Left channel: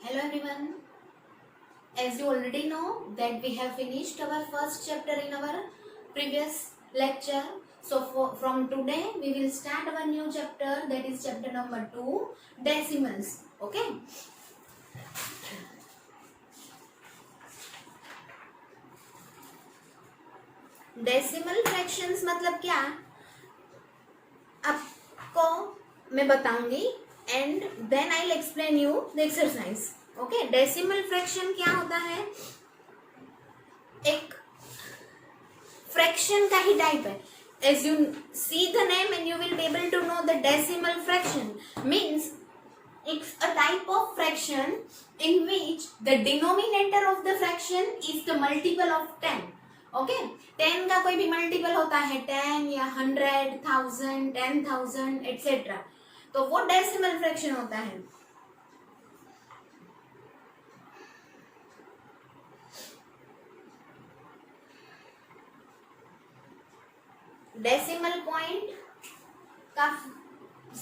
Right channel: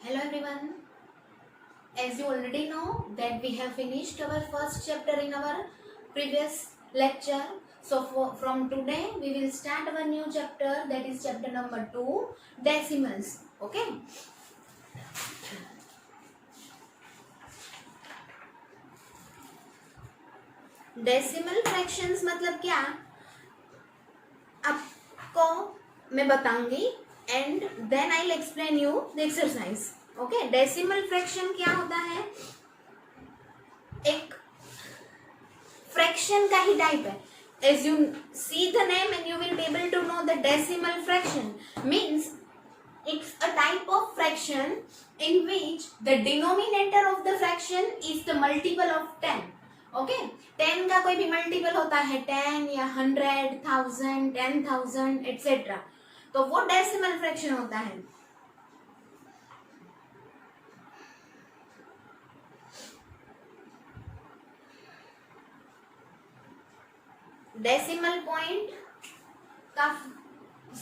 Hello everyone. As you already know that we have finished our first chapter in our previous lecture. So from today we will start our new chapter, that is chapter number 2, decimals. Okay. Decimal fractions मतलब क्या आपको मैं बताऊंगी and then I will explain you the exercise. Okay. Decimal fraction क्या होता है? एक fraction का ही टाइप है. As you see the name and you will be able to know the decimal fraction means it's a type of fraction in which the denominator of the fraction is the multiple of 10. Okay? 10 का कोई भी multiple होता है 10 या 100, 1000, 10,000 etc. तो वो decimal fraction होता है. डेसिमल पॉइंट का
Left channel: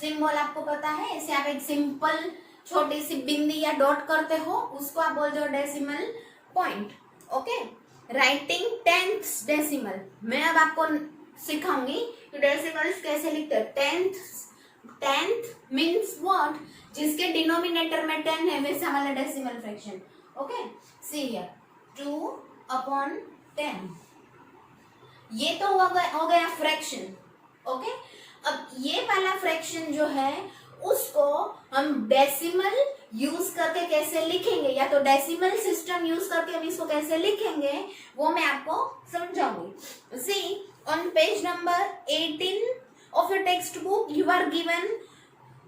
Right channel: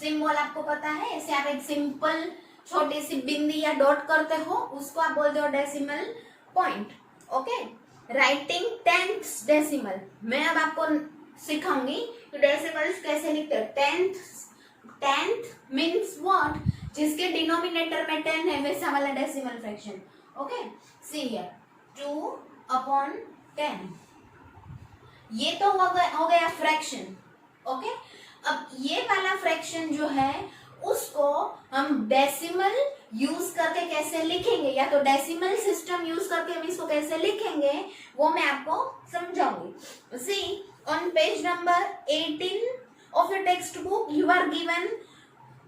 सिंबल आपको पता है. ऐसे आप एक सिंपल छोटी सी बिंदी या डॉट करते हो उसको आप बोलते हो decimal point. Okay. Writing tenth decimal मैं अब आपको सिखाऊंगी कि डेसिमल्स कैसे लिखते हैं. Tenth means what? जिसके डिनोमिनेटर में 10 है वैसा वाला decimal fraction. Okay. See here 2/10. ये तो हो गया फ्रैक्शन. ओके. अब ये वाला फ्रैक्शन जो है उसको हम डेसिमल यूज करके कैसे लिखेंगे या तो डेसिमल सिस्टम यूज करके हम इसको कैसे लिखेंगे वो मैं आपको समझाऊंगी. See on page number 18 of your text book you are given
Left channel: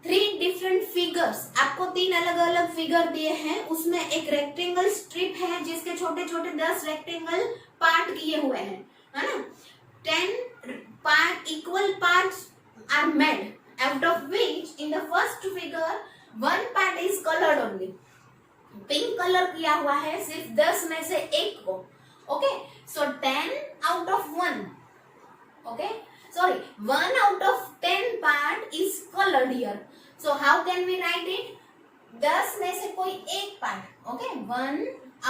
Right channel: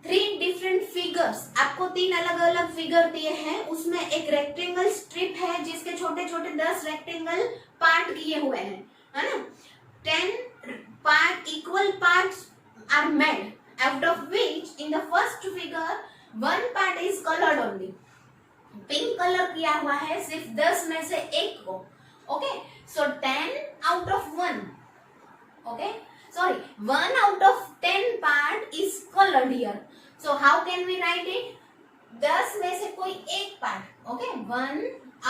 3 different figures. आपको 3 अलग अलग फिगर दिए हैं. उसमें एक रेक्टेंगल स्ट्रिप है जिसके छोटे छोटे 10 रेक्टेंगल पार्ट किए हुए हैं, है ना. 10 equal parts are made, out of which in the first figure one part is colored only. Pink colour किया हुआ है सिर्फ 10 में से एक को. Okay. So 10 out of 1. Okay. Sorry, 1 out of 10 part is colored here. So how can we write it? 10 में से कोई एक part. Okay. 1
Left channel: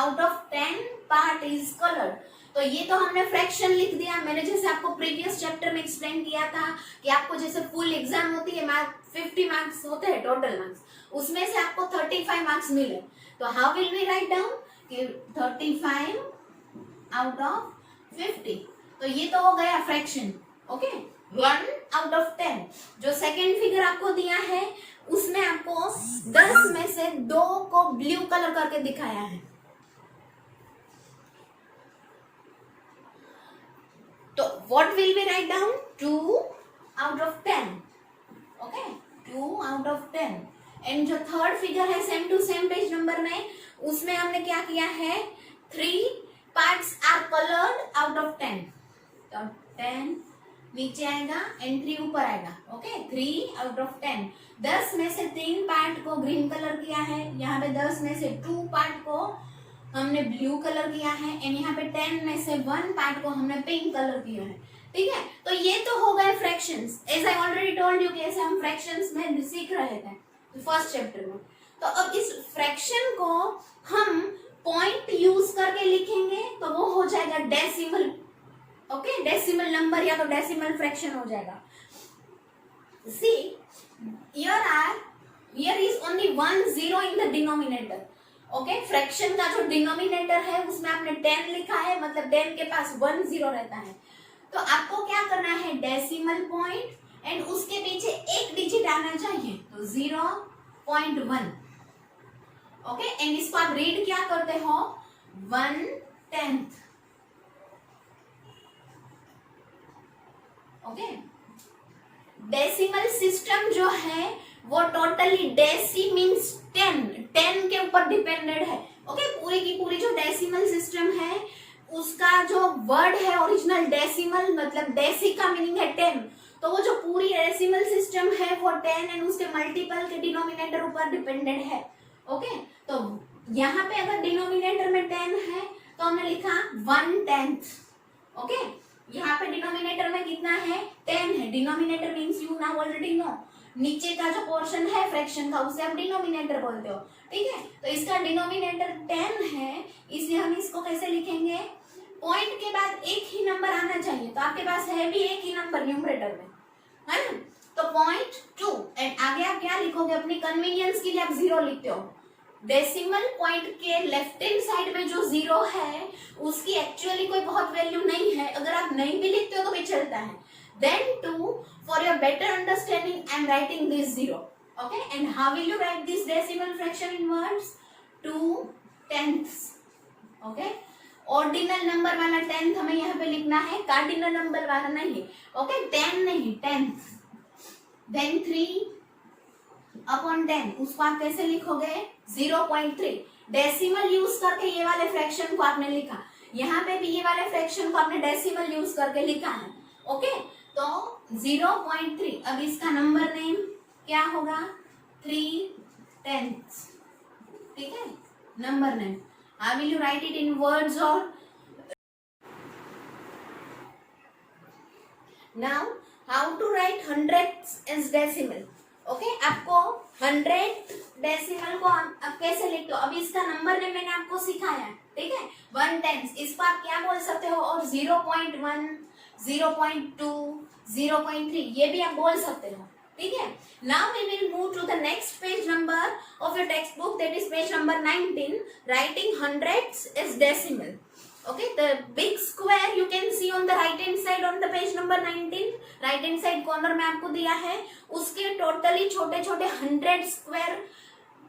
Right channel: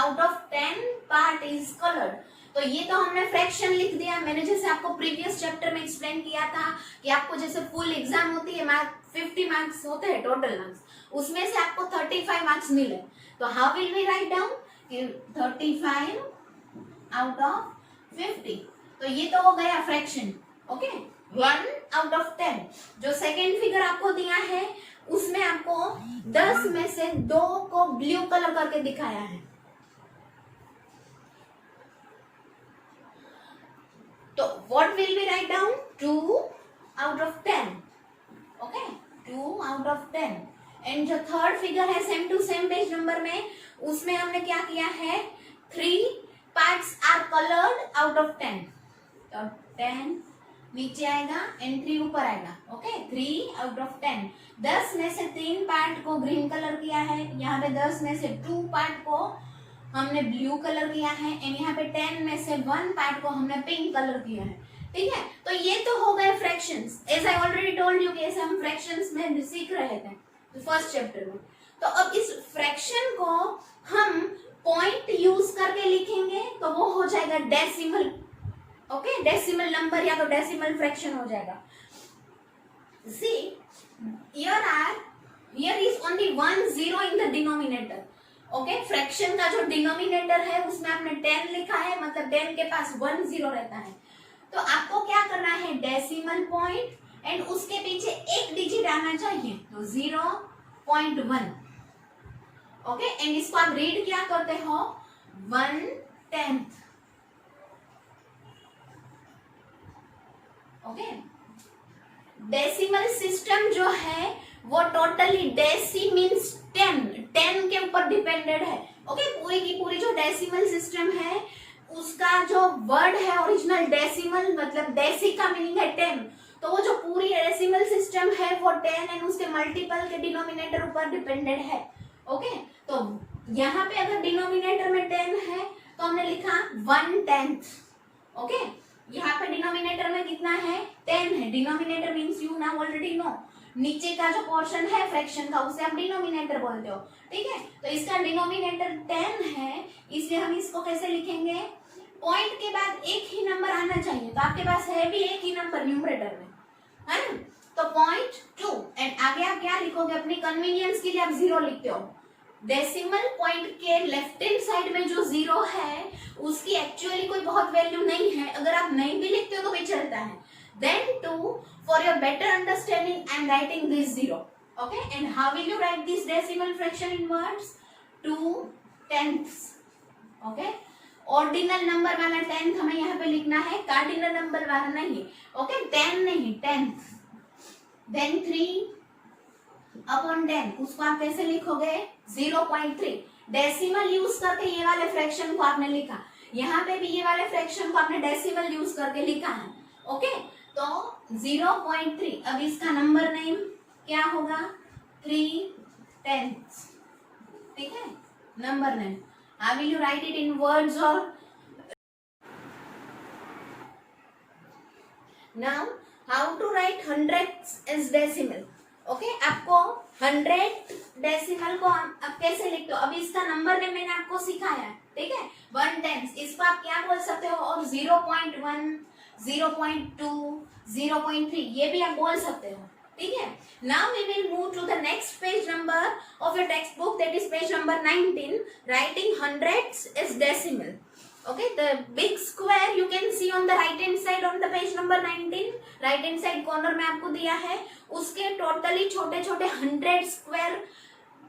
out of 10 part is colored. तो ये तो हमने फ्रैक्शन लिख दिया. मैंने जैसे आपको प्रीवियस चैप्टर में एक्सप्लेन किया था कि आपको जैसे फुल एग्जाम होती है 50 मार्क्स होते हैं टोटल मार्क्स, उसमें से आपको 35 मार्क्स मिले. तो how will we write down कि 35 आउट ऑफ 50. तो ये तो हो गया फ्रैक्शन. ओके. 1 out of 10. जो सेकेंड फिगर आपको दिया है उसमें आपको 10 में से 2 को ब्लू कलर करके दिखाया है. तो what will we write down? 2 out of 10. Okay, 2 out of 10. And जो थर्ड फिगर है same to same page number में उसमें हमने क्या किया है 3 parts are coloured out of 10. तो 10 नीचे आएगा एंड 3 ऊपर आएगा. ओके. 3 out of 10. 10 में से 3 पार्ट को ग्रीन कलर किया है. यहाँ पे 10 में से 2 पार्ट को हमने ब्लू कलर किया है एंड यहाँ पे 10 में से 1 पार्ट को हमने पिंक कलर किया है. ठीक है. तो ये तो हो गए fractions. As I already told you कि ऐसे हम फ्रैक्शंस में सीख रहे थे फर्स्ट चैप्टर में. तो अब इस फ्रैक्शन को हम पॉइंट यूज करके लिखेंगे तो वो हो जाएगा डेसिमल. ओके. डेसिमल नंबर या तो डेसिमल फ्रैक्शन हो जाएगा. See here is only 1 0 in the denominator. Okay. Fraction का जो डिनोमिनेटर है उसमें आपने 10 लिखा है मतलब 10 के पास 1 0 रहता है. तो आपको क्या करना है डेसिमल पॉइंट एंड उसके पीछे एक डिजिट आना चाहिए तो 0.1. ओके. एंड इसको आप रीड क्या करते हो 1/10. ओके. डेसिमल सिस्टम जो है वो टोटली डेसी मीन्स 10 के ऊपर डिपेंडेड है. ओके. पूरी की पूरी जो डेसिमल सिस्टम है उसका जो वर्ड है ओरिजिनल डेसिमल मतलब डेसी का मीनिंग है 10. तो वो जो पूरी डेसिमल सिस्टम है वो 10 एंड उसके मल्टीपल के डिनोमिनेटर ऊपर डिपेंडेड है. ओके. तो यहाँ पे अगर डिनोमिनेटर में 10 है तो हमने लिखा 1/10. ओके. यहाँ पे डिनोमिनेटर में कितना है 10 है. Denominator means you now already know नीचे का जो पोर्शन है फ्रैक्शन का उसे आप डिनोमिनेटर बोलते हो, ठीक है। तो इसका डिनोमिनेटर 10 है, इसलिए हम इसको कैसे लिखेंगे, पॉइंट के बाद एक ही नंबर आना चाहिए, तो आपके पास है भी एक ही नंबर न्यूमरेटर में, है ना। तो 0.2 एंड आगे आप क्या लिखोगे, अपनी कन्वीनियंस के लिए आप 0 लिखते हो। डेसिमल पॉइंट के लेफ्ट हैंड साइड में जो 0 है उसकी एक्चुअली कोई बहुत वैल्यू नहीं है, अगर आप नहीं भी लिखते हो तो भी चलता है। Then 2, for your better understanding, I am writing this 0. Okay, and how will you write this decimal fraction in words? 2/10. Okay, ordinal number वाला 10th हमें यहाँ पे लिखना है, कार्डिनल नंबर वाला नहीं। ओके, 10 नहीं 10th। Then 3/10, उसको आप कैसे लिखोगे, 0.3। डेसिमल यूज करके ये वाले फ्रैक्शन को आपने लिखा, यहाँ पे भी ये वाले फ्रैक्शन को आपने डेसिमल यूज करके लिखा है। ओके, तो 0.3। अब इसका नंबर नेम क्या होगा, 3/10, ठीक है, number name. How will you write it in words और now how to write hundreds as decimal. Okay, आपको 100 डेसिमल को अब कैसे लिखते हो, अभी इसका नंबर नेम मैंने आपको सिखाया है, ठीक है। 1/10 इसको आप क्या बोल सकते हो, और 0.1, 0.2, 0.3 ये भी आप बोल सकते हो, ठीक है। Now we will move to the next page number of your text book, that is page number 19, writing hundreds is decimal. Okay, the big square you can see on the right hand side on the page number 19, right hand side corner में आपको दिया है, उसके totally छोटे छोटे 100 square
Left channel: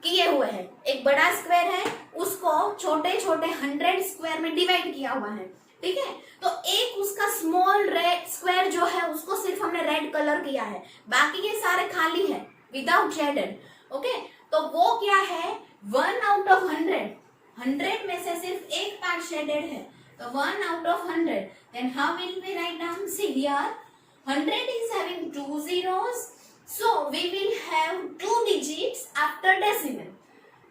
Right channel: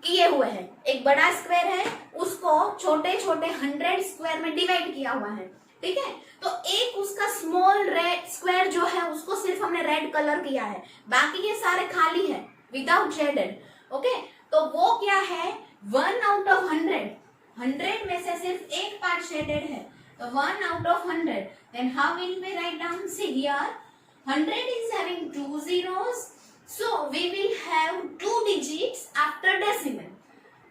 किए हुए हैं। एक बड़ा स्क्वायर है, उसको छोटे छोटे 100 स्क्वायर में डिवाइड किया हुआ है, ठीक है। तो एक उसका स्मॉल रेड स्क्वायर जो है उसको सिर्फ हमने रेड कलर किया है, बाकी ये सारे खाली है विदाउट शेडेड। ओके, तो वो क्या है, 1/100, 100 में से सिर्फ एक पार्ट शेडेड है, तो 1/100। Then how will we write down, see here 100 is having 2 zeros, so we will have 2 digits after decimal।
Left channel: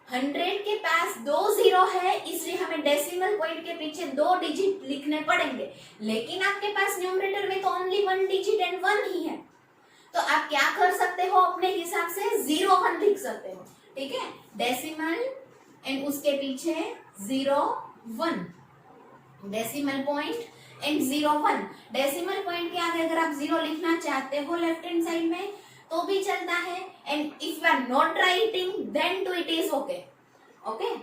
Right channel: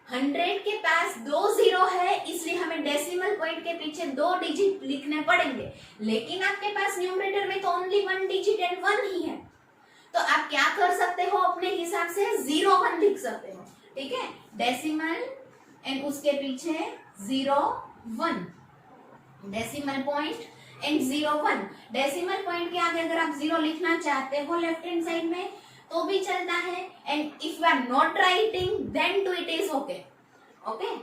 100 के पास 2 जीरो है, इसलिए हमें डेसिमल पॉइंट के पीछे 2 डिजिट लिखने पड़ेंगे, लेकिन आपके पास न्यूमरेटर में तो ओनली 1 डिजिट एंड 1 ही है, तो आप क्या कर सकते हो, अपने हिसाब से 0-1 लिख सकते हो, ठीक है। डेसिमल एंड उसके पीछे 0-1, decimal point and 0-1। Decimal point के आगे अगर आप 0 लिखना चाहते हो लेफ्ट हैंड साइड में तो भी चलता है, and if you are not writing then too it is okay. Okay,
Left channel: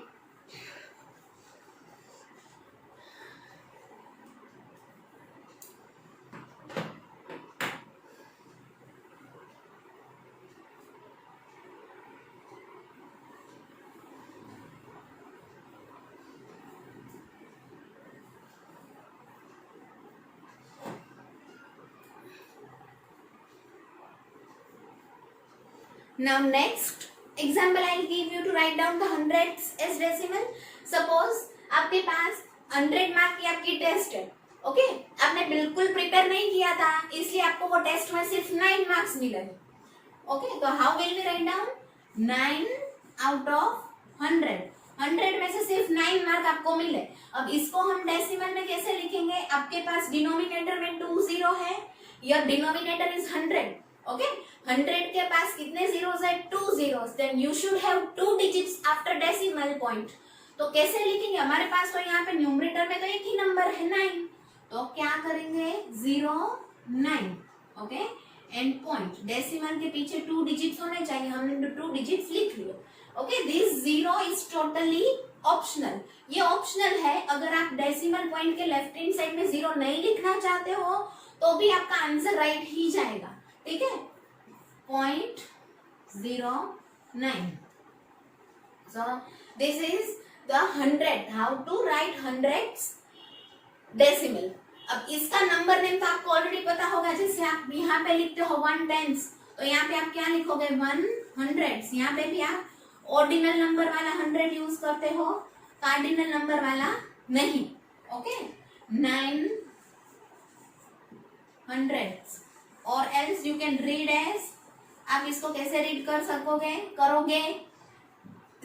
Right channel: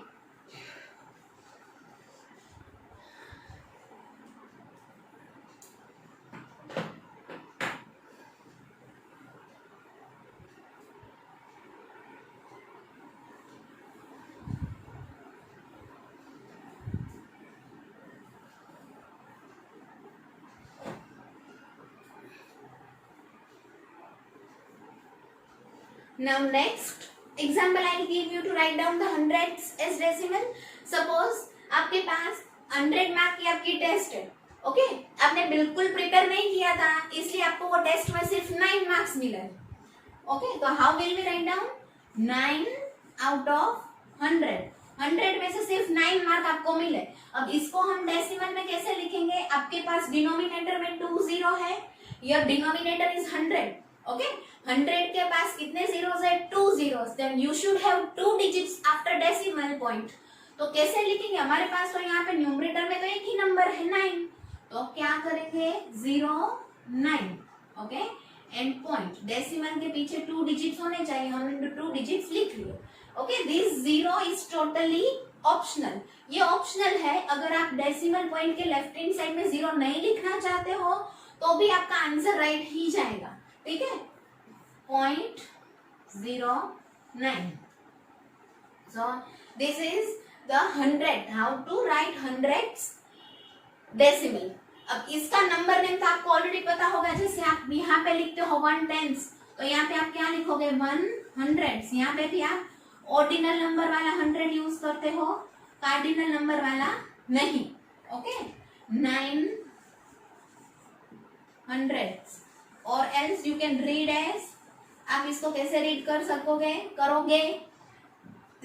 now next example I'll give you to write down the hundreds as decimal। suppose आपके पास 100 मार्क की आपकी टेस्ट है, okay, आपने बिल्कुल प्रिपेयर नहीं किया था, इसलिए आपको वो टेस्ट में सिर्फ 9 मार्क्स मिले। ओके, तो how will we write down, 9/100, 100 में से सिर्फ 9 मार्क आपको मिले। अब इसको हम डेसिमल में कैसे लिखेंगे, आपके पास डिनोमिनेटर में 2 जीरो है, योर डिनोमिनेटर इज 100। ओके, 100 के पास कितने जीरोस है, 2 zeros, then you should have 2 digits after decimal point. तो कैसे लिखेंगे, हमारे पास तो यहाँ पे न्यूमरेटर में तो एक ही नंबर है 9, तो क्या करेंगे, 0-9, ओके, एंड पॉइंट, डेसिमल के पीछे 2 डिजिट्स होने चाहिए, हमने 2 डिजिट्स लिख लिए। Okay, this 0 is totally optional, ये ऑप्शनल है, अगर आप डेसिमल पॉइंट के लेफ्ट हैंड साइड में 0 नहीं लिखना चाहते हो तो भी आपका आंसर राइट ही जाएगा, ठीक है। 0.09, so this is the 100, how to write hundreds decimal। अब इसका नंबर नेम तो आपको ऑलरेडी पता होगा, जैसे आप यहाँ पे लिखते हो 1/10, तो यहाँ पे आप क्या लिखोगे, 100। यहाँ पे भी आप ऑर्डिनल नंबर वाला 100 यूज करते हो, कार्डिनल नंबर वाला नहीं। ओके, 900 और else you can read as, आप इसको कैसे रीड कर सकोगे, करोगे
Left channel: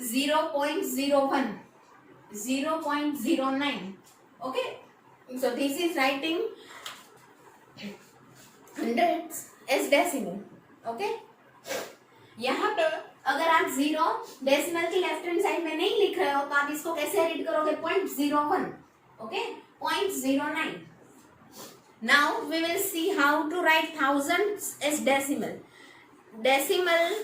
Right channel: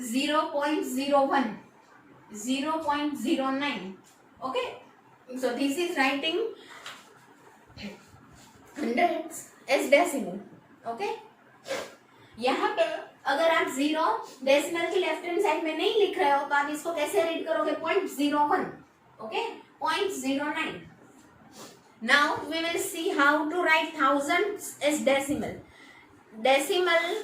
0.01, 0.09। Okay, so this is writing hundreds as decimal। okay, यहाँ पे अगर आप 0 डेसिमल की लेफ्ट हैंड साइड में नहीं लिख रहे हो तो आप इसको कैसे रीड करोगे? 0.01, okay, 0.09. Now we will see how to write thousands as decimal. Decimal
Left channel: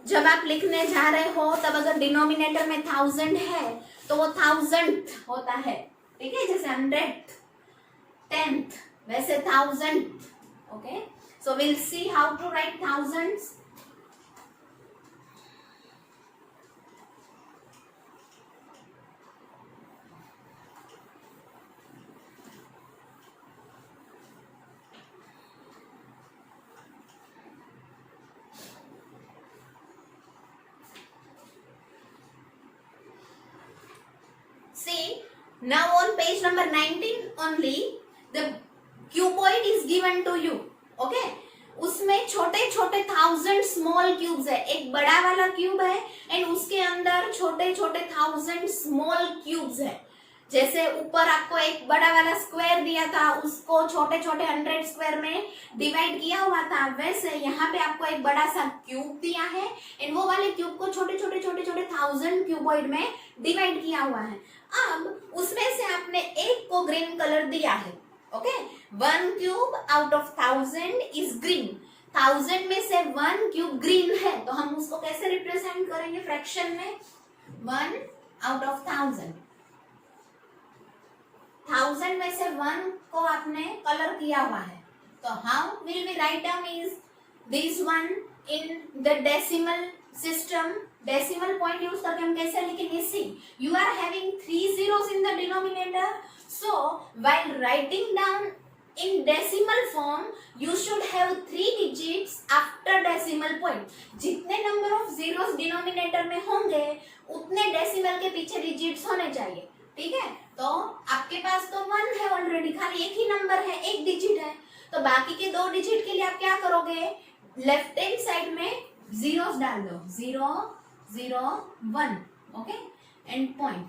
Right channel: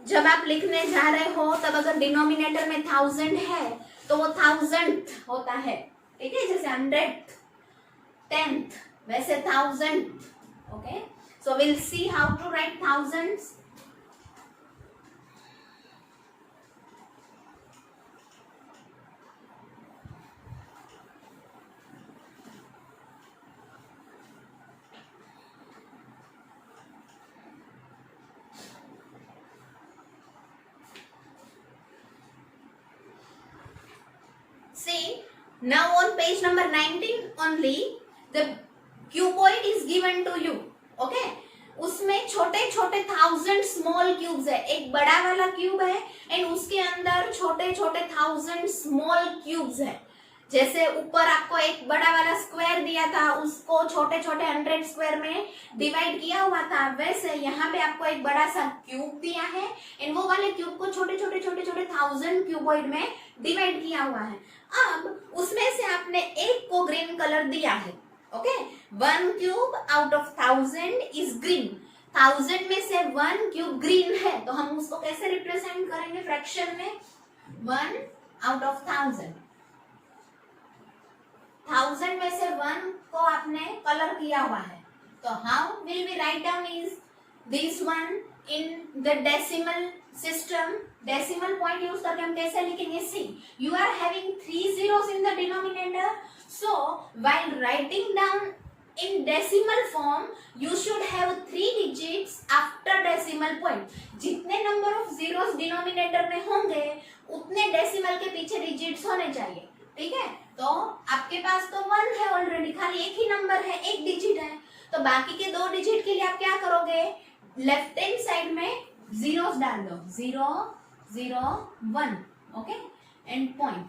जब आप लिखने जा रहे हो तब अगर डिनोमिनेटर में 1000 है तो वो 1000th होता है, ठीक है, जैसे 100th, 10th, वैसे 1000th. Okay, so will see how to write thousands. See, now on page number 19 only, the cuboid is given to you. Okay, उसमें छोटे छोटे 1000 स्मॉल क्यूब्स है. एक बड़ा वाला क्यूब है एंड उसके अंदर छोटे छोटे 1000 स्मॉल क्यूब्स है. जैसे ऊपर आपको एक बड़ा वाला स्क्वायर दिया था, उसको छोटे छोटे 100 स्क्वायर में डिवाइड किया हुआ था, वैसे यहाँ पे आपको एक बड़ा सा क्यूब दिया है एंड वो वाले क्यूब को छोटे छोटे 1000 क्यूबॉइड में डिवाइड किया हुआ है. अब उसमें से आपने एक को ग्रीन कलर दिया है. Okay, 1 cube out of 1000 is green. 1000 में से 1 क्यूब ग्रीन है तो हम उसको कैसे रिप्रेजेंट करेंगे फ्रैक्शन में? 1 आउट ऑफ 1000. 1000 में से 1 को आपने कलर किया हुआ है, तो how will we write down is this one in the decimal system. Decimal point use करके हम कैसे लिखेंगे? See, you are having 3 zeros in the denominator, so while writing down in decimal form you should have 3 digits after decimal point. जितने number of zeros denominator में होंगे उतने decimal के पीछे डिजिट्स होने चाहिए, ठीक है. तो आपके पास तो 1 है ऑलरेडी, खाली एक ही नंबर है, एक डिजिट है, तो बाकी के 2 डिजिट के लिए आप क्या करोगे? लेफ्ट हैंड साइड में जीरोस डाल दो. 0 0 1, ओके, एंड पॉइंट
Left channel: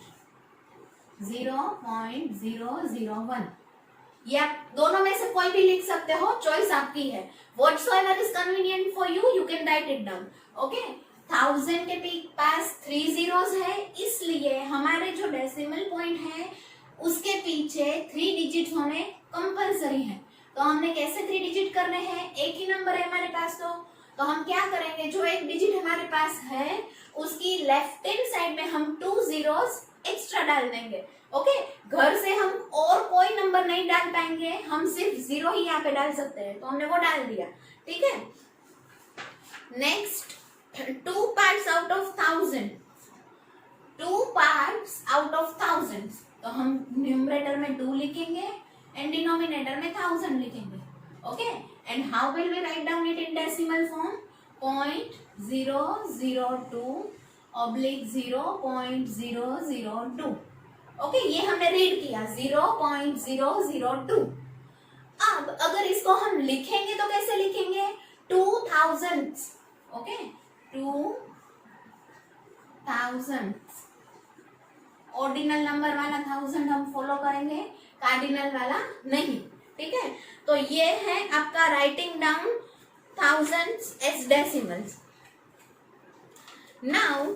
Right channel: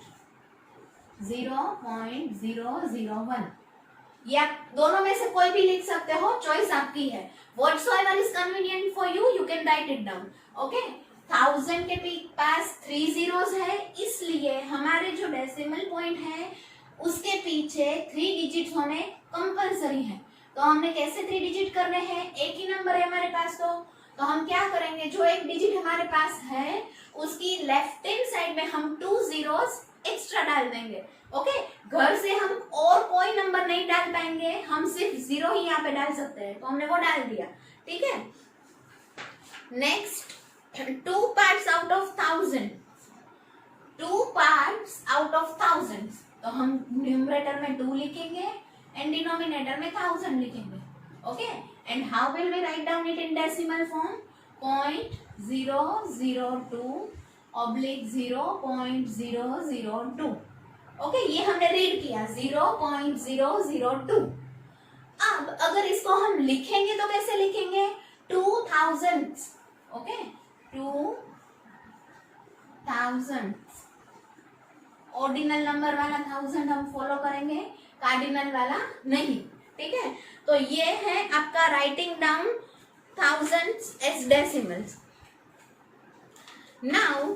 0.001. ये आप दोनों में से कोई भी लिख सकते हो, चॉइस आपकी है. Whatsoever is convenient for you, you can write it down. Okay? 1000 के पास 3 zeros है, इसलिए हमारे जो डेसिमल पॉइंट है उसके पीछे 3 डिजिट होने कंपलसरी है. तो हमने कैसे 3 डिजिट करने हैं? एक ही नंबर है हमारे पास, तो हम क्या करेंगे? जो एक डिजिट हमारे पास है उसकी लेफ्ट हैंड साइड में हम 2 zeros एक्स्ट्रा डाल देंगे. ओके, घर से हम और कोई नंबर नहीं डाल पाएंगे, हम सिर्फ 0 ही यहाँ पे डाल सकते हैं, तो हमने वो डाल दिया, ठीक है. Next, 2 parts out of 1000. 2 parts out of 1000, तो हम न्यूमरेटर में 2 लिखेंगे एंड डिनोमिनेटर में 1000 लिखेंगे. Okay, and how will we write down it in decimal form? 0.002/0.002. Okay, ये हमने रीड किया 0.002. अब अगर इसको हम लिखेंगे तो कैसे लिखेंगे? 2000. ओके, 2000 ऑर्डिनल नंबर वाला 1000 हम फॉलो करेंगे, कार्डिनल वाला नहीं, ठीक है. तो ये है आपका writing down thousands as decimals. Now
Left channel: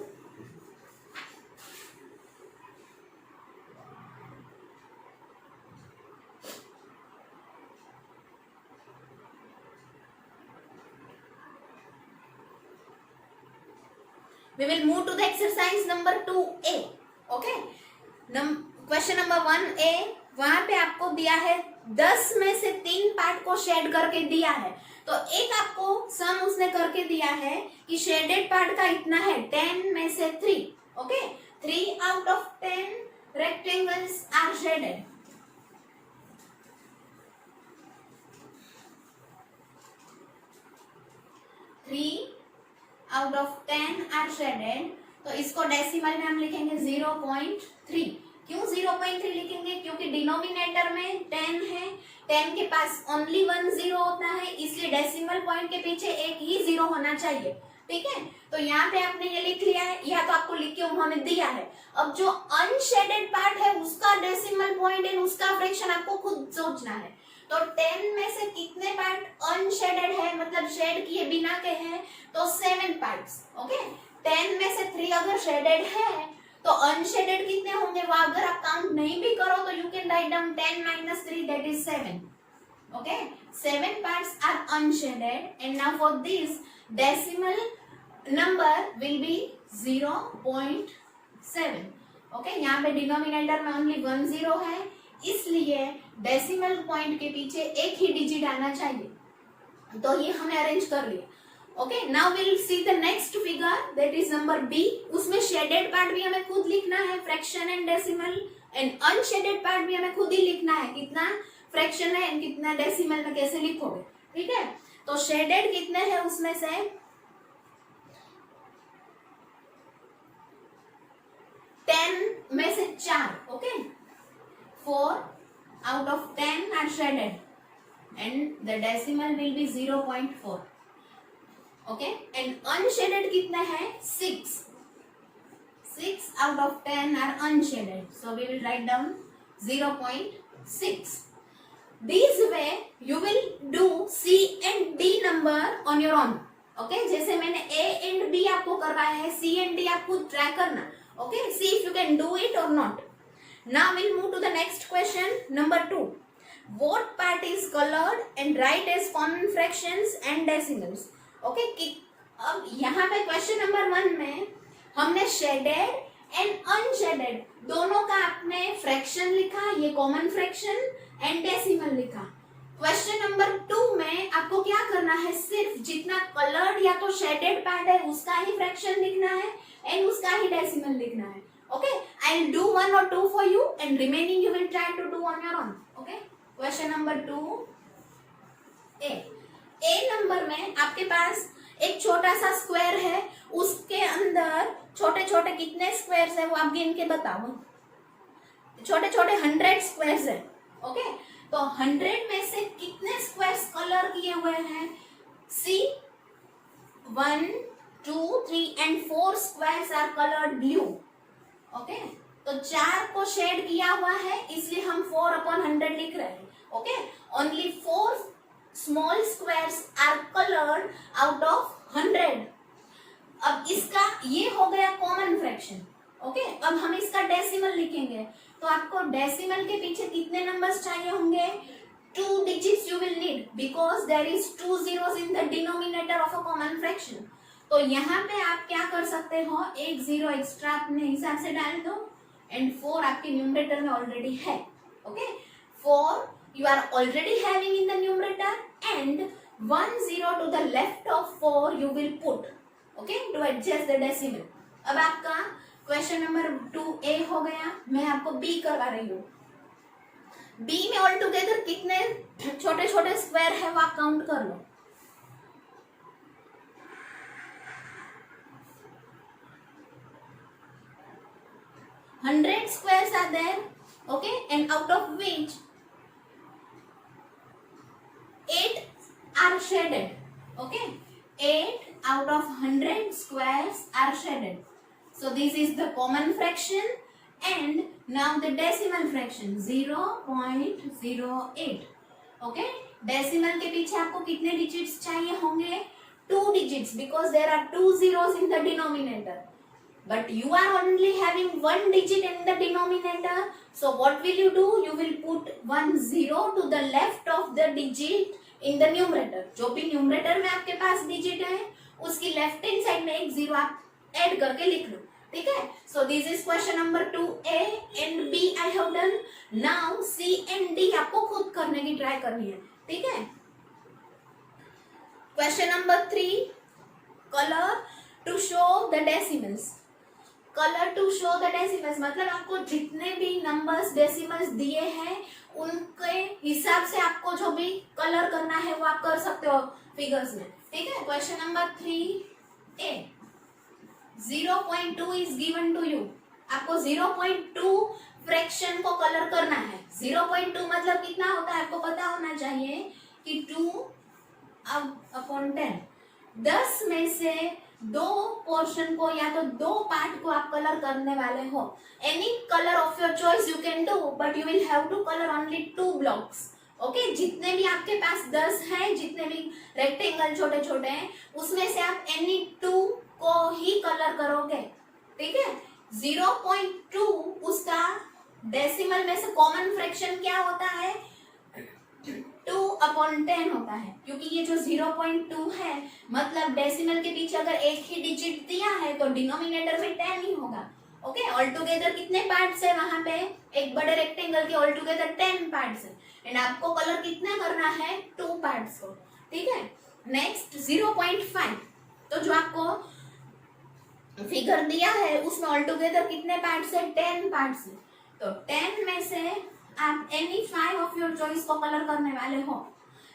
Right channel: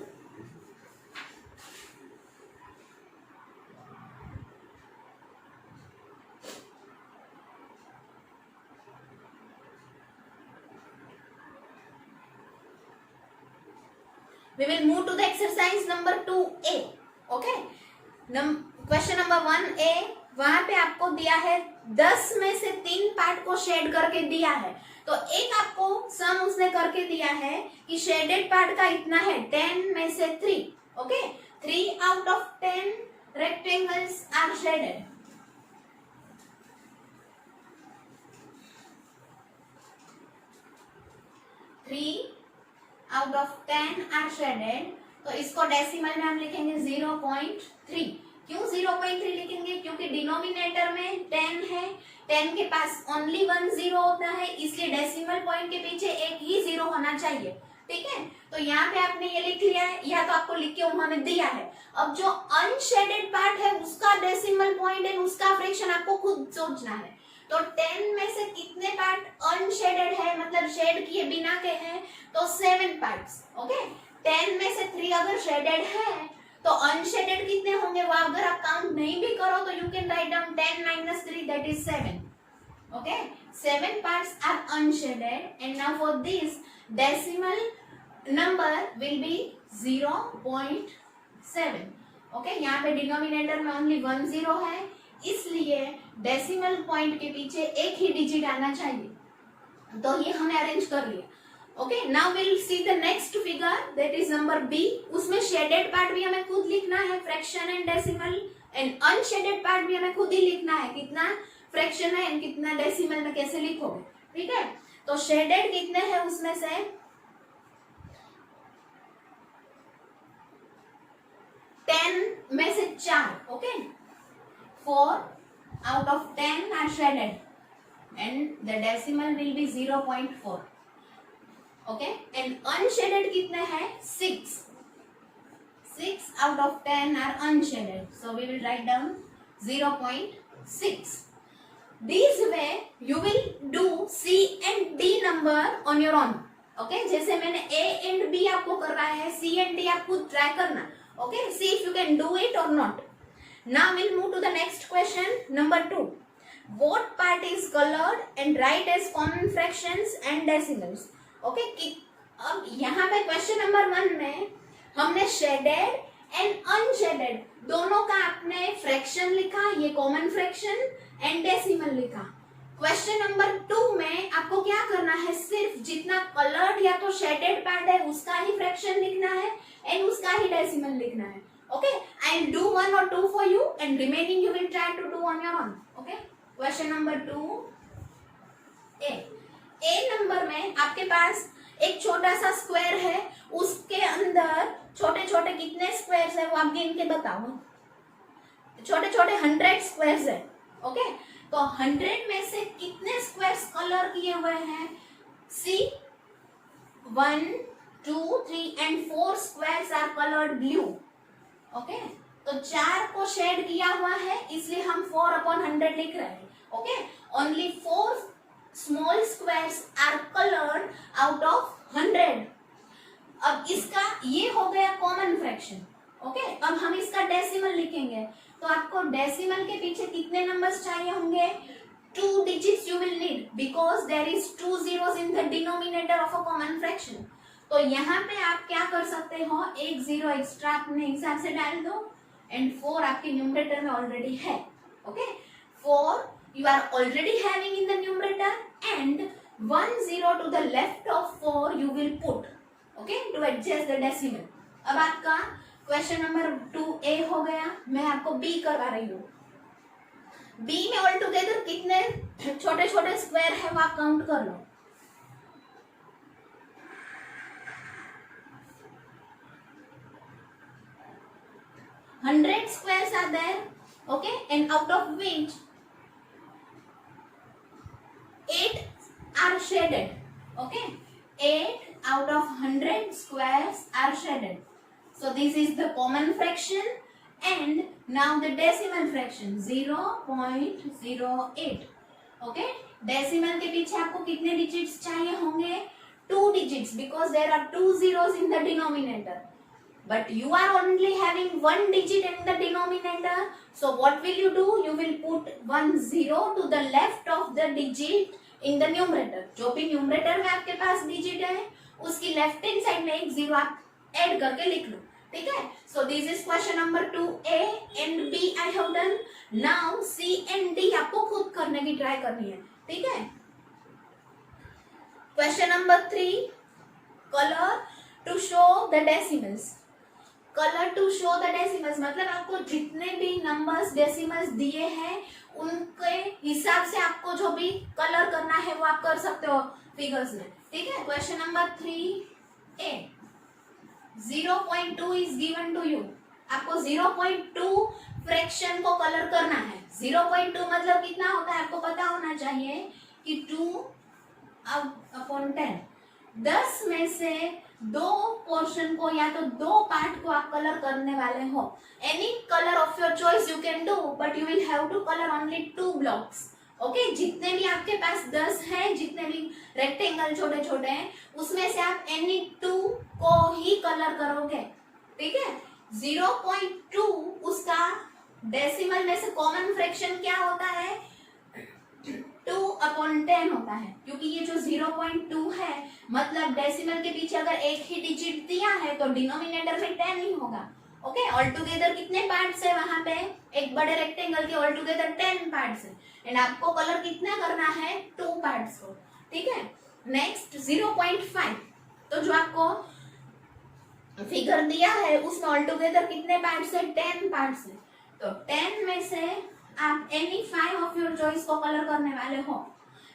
we will move to the exercise number 2A. Okay, question number 1A, वहां पे आपको दिया है 10 में से 3 पार्ट को शेड करके दिया है. तो एक आपको सम उसने करके दिया है कि शेडेड पार्ट का इतना है, 10 में से 3. Okay, 3 out of 10 rectangles are shaded. 3 out of 10 are shaded. तो इसको डेसिमल में हम लिखेंगे 0.3. क्यों 0.3 लिखेंगे? क्योंकि डिनोमिनेटर में 10 है, 10 के पास ओनली 1 0 होता है, इसलिए डेसिमल पॉइंट के पीछे एक ही 0 होना चाहिए, ठीक है. तो यहाँ पे आपने ये लिख लिया है, या तो आपको लिख के उन्होंने दिया है. अब जो अनशेडेड पार्ट है उसका डेसिमल पॉइंट एंड उसका फ्रैक्शन आपको खुद सोचना है. तो 10 में से कितने पार्ट अनशेडेड है, मतलब शेड किए बिना के हैं, तो 7 पार्ट्स। ओके, 10 में से 3 अगर शेडेड है तो अनशेडेड कितने होंगे, वो अगर आप काउंट नहीं भी करो तो you can write down 10 - 3 that is 7। Okay, 7 parts are unshaded and now for this decimal number will be 0.7। Okay, यहाँ पे डिनोमिनेटर में ओनली 1 0 है, इसलिए डेसिमल पॉइंट के पीछे एक ही डिजिट आना चाहिए, तो ये हमें अरेंज कर लिया। Okay, now will see the next figure that is number B. उसमें शेडेड पार्ट भी हमें खुद लिखना है, fraction and decimal, and unshaded part भी हमें खुद ही लिखना है, कितना फ्रैक्शन है एंड कितना डेसिमल में कैसे लिखोगे। ठीक है, तो शेडेड कितने हैं उसमें से 10 में से 4। Okay, 4 out of 10 are shaded and the decimal will be 0.4। Okay, and unshielded कितने हैं 6 out of 10 are unshaded, so we will write down 0.6। This way you will do C and D number on your own। Okay, जैसे मैंने A and B आपको करवाया है, C and D आप खुद try करना। Okay, see if you can do it or not। Now we'll move to the next question, number 2। What part is colored and write as common fractions and decimals। Okay, अब यहाँ पे question number 1 में हमने shaded and unshielded दोनों का आपने fraction लिखा, ये कॉमन फ्रैक्शन एंड डेसिमल लिखा। क्वेश्चन नंबर 2 में आपको क्या करना है, सिर्फ जितना कलर्ड या तो शेडेड पार्ट है उसका ही फ्रैक्शन लिखना है एंड उसका ही डेसिमल लिखना है। Okay, I will do 1 or 2 for you and remaining you will try to do on your own. Okay, question number 2 A number में आपके पास एक छोटा सा स्क्वायर है, उसके अंदर छोटे छोटे कितने स्क्वायर्स है वो आप गिन के बताओ। छोटे छोटे 100 स्क्वायर्स है। ओके, तो 100 में से कितने स्क्वायर्स कलर किए हुए हैं, सी 1 2 3 and 4 squares are colored blue। Okay, तो 4 को शेड किया हुआ है इसलिए हम 4/100 लिख रहे हैं। Okay, only 4 small squares are colored out of 100। अब इसका ये हो गया कॉमन फ्रैक्शन। ओके, अब हम इसका डेसिमल लिखेंगे, तो आपको डेसिमल के पीछे कितने नंबर्स चाहिए होंगे, 2 digits you will need because there is 2 zeros in the denominator of a common fraction। तो यहाँ पे आप क्या कर सकते हो, एक 0 एक्स्ट्रा अपने हिसाब से डाल दो एंड 4 आपके न्यूमरेटर में ऑलरेडी है। Okay, 4 you are already having in the numerator and 1 0 to the left of 4 you will put, okay, to adjust the decimal। अब आपका क्वेश्चन नंबर 2A हो गया। मैं आपको B करवा रही हूँ। B में ऑल टुगेदर कितने छोटे छोटे स्क्वायर है वो आप काउंट कर लो। $100 squares are there, okay, and out of which 8 are shaded। Okay, 8 out of 100 squares are shaded। So this is the common fraction and now the decimal fraction 0.08। Okay, decimal के पीछे आपको कितने digits चाहिए होंगे, 2 digits because there are 2 zeros in the denominator। But you are only having 1 digit in the denominator, so what will you do, you will put 1 0 to the left of the digit in the numerator। जो भी numerator में आपके पास digit है उसकी left hand side में एक 0 आप add करके लिख लो। ठीक है, so this is question number 2A and B I have done। Now C and D आपको खुद करने की ट्राई करनी है। ठीक है, question number 3, colour to show the decimals. Colour to show the decimals मतलब आपको जितने भी नंबर्स डेसिमल्स दिए हैं उनके हिसाब से आपको जो भी कलर करना है वो आप कर सकते हो फिगर्स में। ठीक है, question number 3A 0.2 is given to you. आपको 0.2 फ्रैक्शन को कलर करना है। 0.2 मतलब कितना होता है आपको पता होना चाहिए कि 2/10। 10 में से 2 पोर्शन को या तो 2 पार्ट को आप कलर करने वाले हो। Any colour of your choice you can do but you will have to colour only 2 blocks. Okay जितने भी आपके पास 10 है, जितने भी रेक्टेंगल छोटे छोटे हैं, उसमें से आप एनी 2 को ही कलर करोगे, ठीक है। 0.2 उसका डेसिमल में से कॉमन फ्रैक्शन क्या होता है, 2/10 होता है, क्योंकि ये जो 0.2 है मतलब डेसिमल के पीछे अगर एक ही डिजिट दिया है तो डिनोमिनेटर में 10 ही होगा। ओके ऑल टुगेदर कितने पार्ट्स है वहां पे, एक बड़े रेक्टेंगल के ऑल टुगेदर 10 पार्ट्स है, एंड आपको कलर कितना करना है, 2 पार्ट्स को, ठीक है। नेक्स्ट 0.5, तो जो आपको फिगर दिया है उसमें ऑल टुगेदर कितने पार्ट्स है, 10 पार्ट्स है, तो 10 में से आप एनी 5 ऑफ योर चॉइस को कलर करने वाले हो।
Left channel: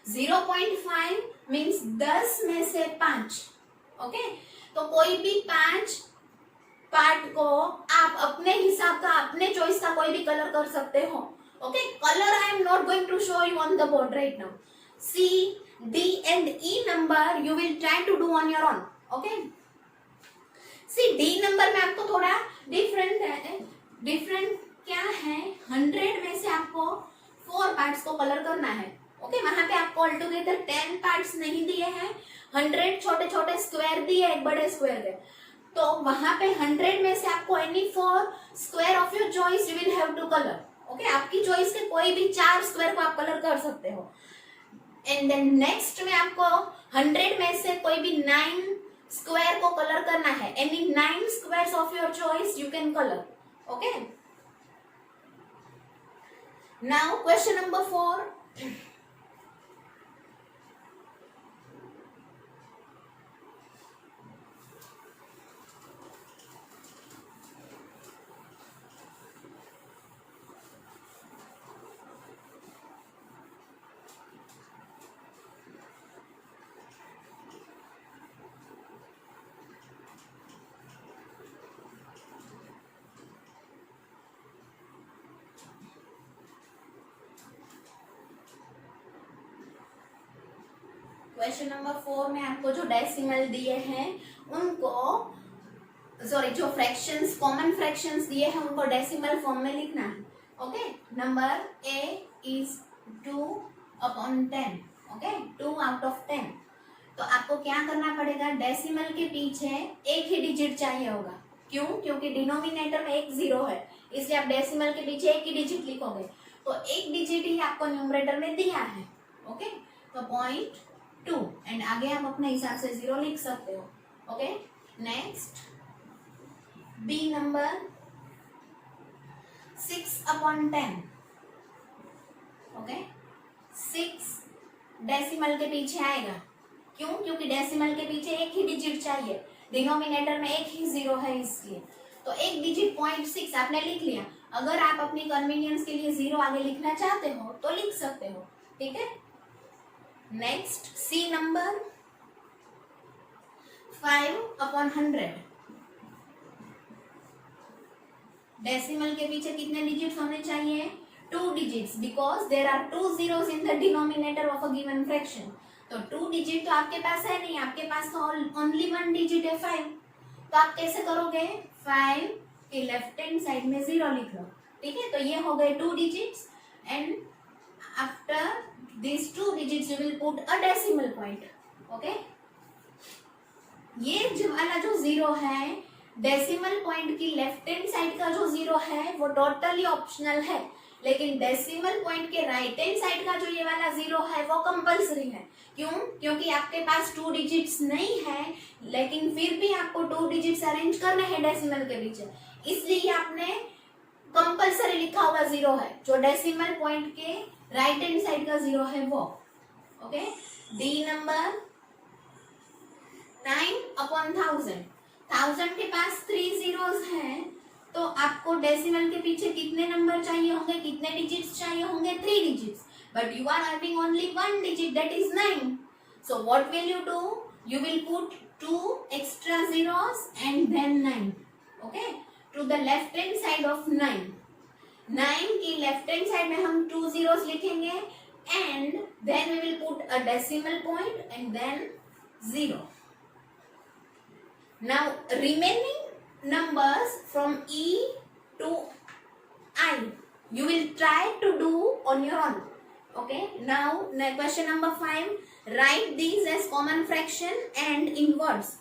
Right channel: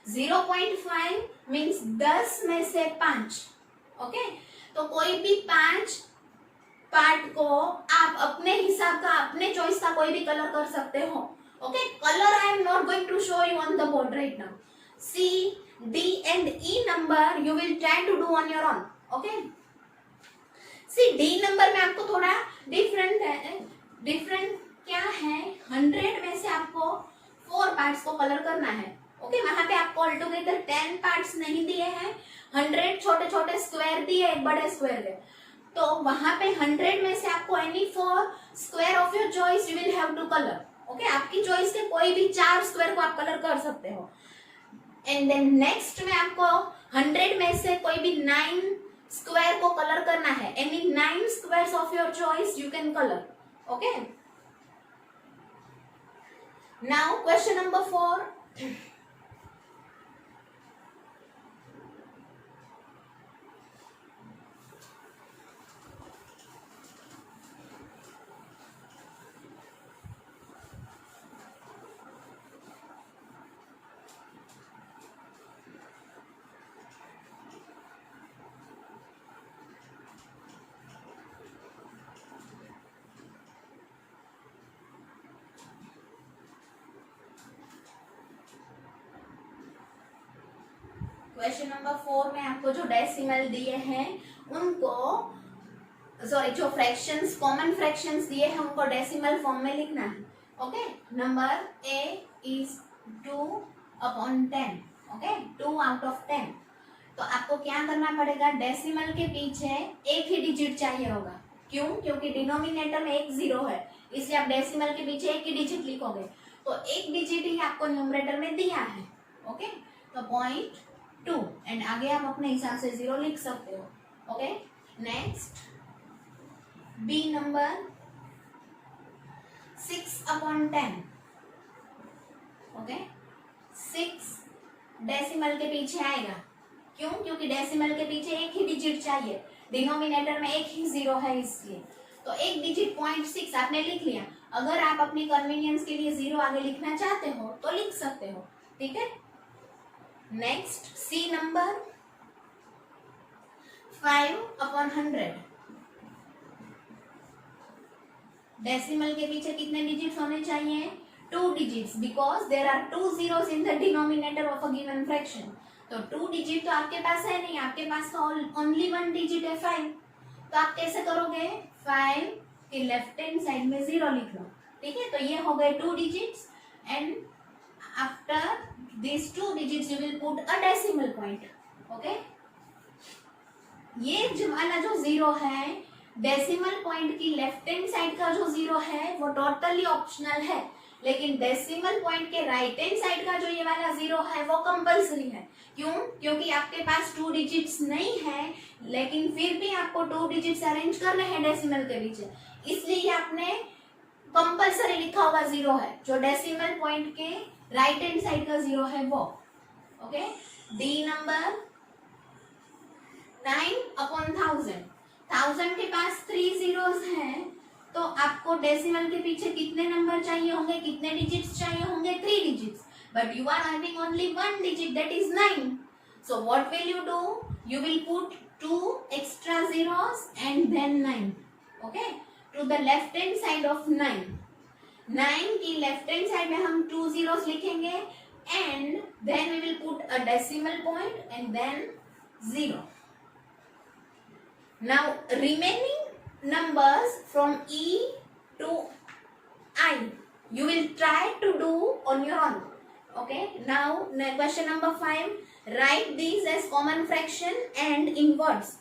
0.5 मीन्स 10 में से 5, ओके। तो कोई भी 5 पार्ट को आप अपने हिसाब का, अपने चॉइस का कोई भी कलर कर सकते हो, okay. Colour I am not going to show you on the board right now. C, D and E number you will try to do on your own, okay? See D number में आपको थोड़ा different है, different क्या है, 100 में से आपको 4 parts को कलर करना है, ओके। वहां पे आपको ऑल टुगेदर 10 पार्ट्स नहीं दिए हैं, 100 छोटे छोटे स्क्वायर दिए, एक बड़े स्क्वायर के, तो वहां पे 100 में से आपको any 4 square of your choice you will have to colour, okay. आपकी चॉइस के कोई भी 4 स्क्वायर को आप कलर कर सकते हो। एंड देन नेक्स्ट में आपको 100 में से कोई भी 9 स्क्वायर को कलर करना है, any 9 squares of your choice you can colour, okay. Now question number 4, question number 4 में आपको जो डेसिमल दिए हैं उनको, सॉरी जो फ्रैक्शंस, कॉमन फ्रैक्शंस दिए हैं उनको डेसिमल फॉर्म में लिखना है, okay. Number A is 2/10, okay, 2 out of 10। तो आपको क्या करना पड़ेगा, डेसिमल के पीछे एक ही डिजिट चाहिए होगा, क्यों, क्योंकि डिनोमिनेटर में एक 0 है, इसलिए आप डेसिमल के पीछे एक ही डिजिट लिखोगे, तो एक डिजिट ही आपको न्यूमरेटर में दिया है, ओके। तो 0.2 एंड आगे आप अपने हिसाब से 0 लिख सकते हो, okay. Next B number 6/10, okay. 6 decimal के पीछे आएगा, क्यों, क्योंकि डेसिमल के पीछे एक ही डिजिट चाहिए, डिनोमिनेटर में एक ही 0 है इसलिए, तो एक डिजिट 0.6 आपने लिख लिया। अगर आप अपनी कन्वीनियंस के लिए 0 आगे लिखना चाहते हो तो लिख सकते हो, ठीक है। नेक्स्ट C नंबर 5/100, डेसिमल के पीछे कितने डिजिट्स होने चाहिए, 2 digits, because there are 2 zeros in the denominator of a given fraction. तो 2 डिजिट तो आपके पास है नहीं, आपके पास तो ओनली 1 डिजिट है 5, तो आप कैसे करोगे, 5 के लेफ्ट हैंड साइड में 0 लिख लो, ठीक है। तो ये हो गए 2 digits and after these 2 digits you will put a decimal point, okay। ये जो वाला जो 0 है, डेसिमल पॉइंट की लेफ्ट हैंड साइड का जो 0 है वो टोटली ऑप्शनल है, लेकिन डेसिमल पॉइंट के राइट हैंड साइड का जो ये वाला 0 है वो कंपल्सरी है, क्यों, क्योंकि आपके पास 2 डिजिट्स नहीं है, लेकिन फिर भी आपको 2 डिजिट्स अरेंज करने हैं डेसिमल के पीछे, इसलिए आपने कंपल्सरी लिखा हुआ 0 है, जो डेसिमल पॉइंट के राइट हैंड साइड का 0 है वो, ओके। D नंबर 9/1000, 1000 के पास 3 zeros हैं, तो आपको डेसिमल के पीछे कितने नंबर चाहिए होंगे, कितने डिजिट्स चाहिए होंगे, 3 digits, but you are having only 1 digit, that is 9, so what will you do, you will put 2 extra zeros and then 9, okay, to the left hand side of 9 की left hand side में हम 2 zeros लिखेंगे and then we will put a decimal point and then 0. Now remaining numbers from E to I you will try to do on your own. Okay, now question number 5. Write these as common fraction and in words.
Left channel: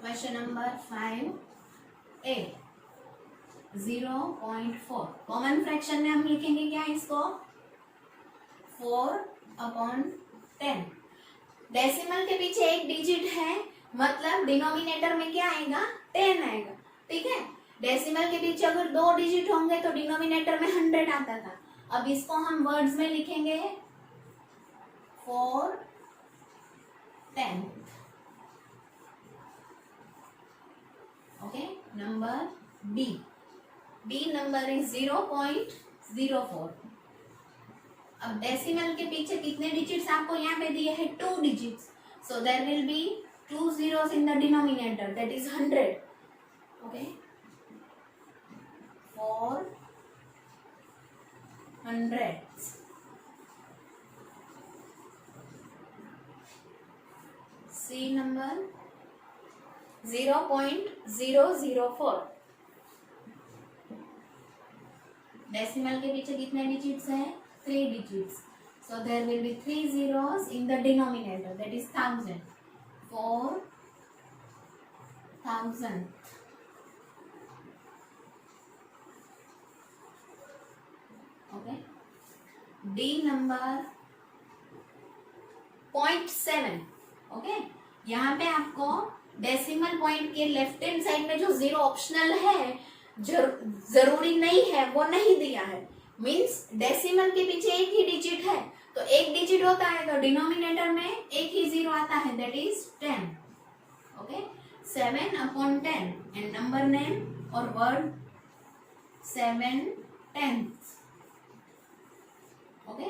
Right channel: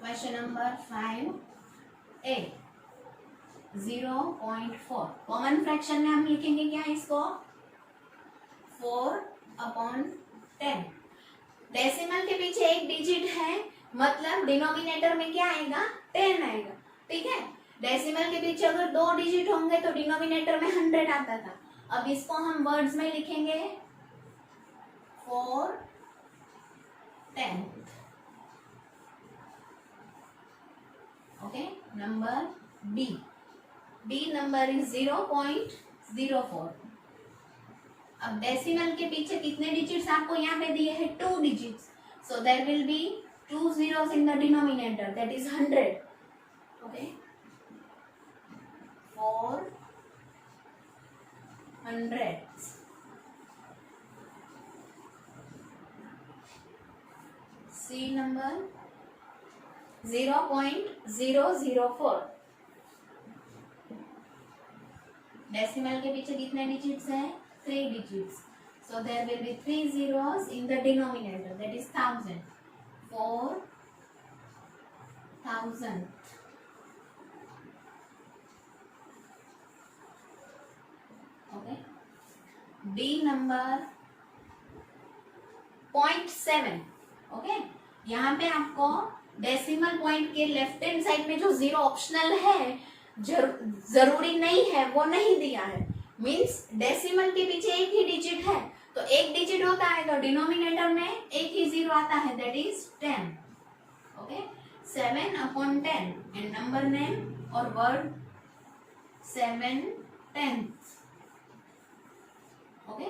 Question number 5A 0.4 common fraction में हम लिखेंगे क्या इसको 4/10। Decimal के पीछे एक digit है, मतलब डिनोमिनेटर में क्या आएगा 10 आएगा। ठीक है, डेसिमल के पीछे अगर 2 डिजिट होंगे तो डिनोमिनेटर में 100 आता था। अब इसको हम वर्ड्स में लिखेंगे 4/10। Okay, number B number is 0.04। अब डेसिमल के पीछे कितने डिजिट्स आपको यहाँ पे दिए हैं 2 digits, so there will be 2 zeros in the denominator, that is 100. Okay, 400. C number 0.004। Decimal के पीछे कितने डिजिट्स हैं 3 digits, so there will be 3 zeros in the denominator, that is 1000। 4000। Okay, D number 0.7। Okay, यहाँ पे आपको decimal point के left hand side में जो 0 ऑप्शनल है, जरूरी नहीं है, वो नहीं दिया है। मीन्स डेसिमल के पीछे एक ही डिजिट है, तो एक डिजिट होता है तो डिनोमिनेटर में एक ही 0 आता है, that is 10। Okay, 7/10 and number name और वर्ड 7/10। ओके,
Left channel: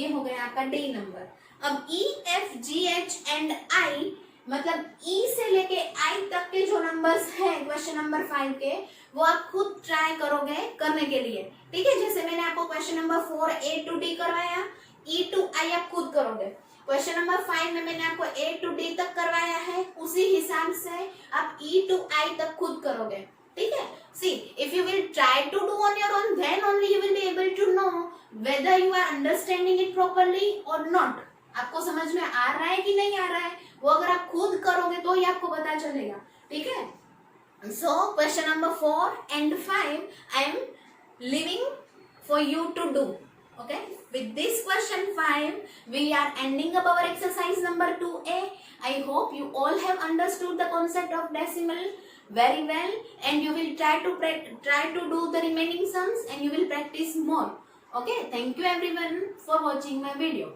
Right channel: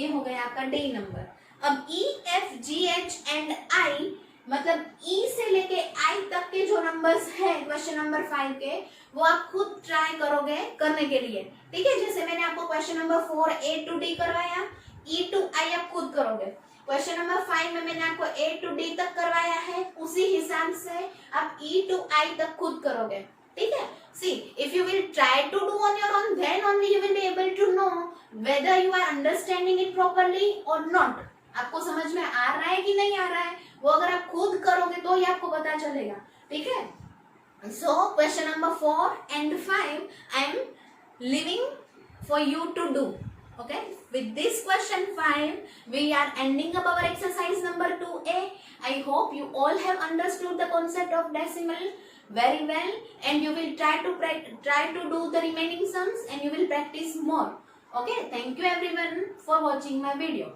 ये हो गया आपका डी नंबर। अब E F G H and I, मतलब ई से लेके आई तक के जो नंबर्स है क्वेश्चन नंबर 5 के, वो आप खुद ट्राई करोगे करने के लिए। ठीक है, जैसे मैंने आपको question number 4 A to D करवाया, E to I आप खुद करोगे। क्वेश्चन नंबर 5 में मैंने आपको A to D तक करवाया है, उसी हिसाब से आप E to I तक खुद करोगे। ठीक है, see if you will try to do on your own, then only you will be able to know whether you are understanding it properly or not। आपको समझ में आ रहा है कि नहीं आ रहा है, वो अगर आप खुद करोगे तो ही आपको पता चलेगा। ठीक है, so question number 4 and 5 I am leaving for you to do. Okay, with this question 5 we are ending up our exercise number 2A. I hope you all have understood the concept of decimal very well, and you will try to do the remaining sums and you will practice more. Okay, thank you everyone for watching my video.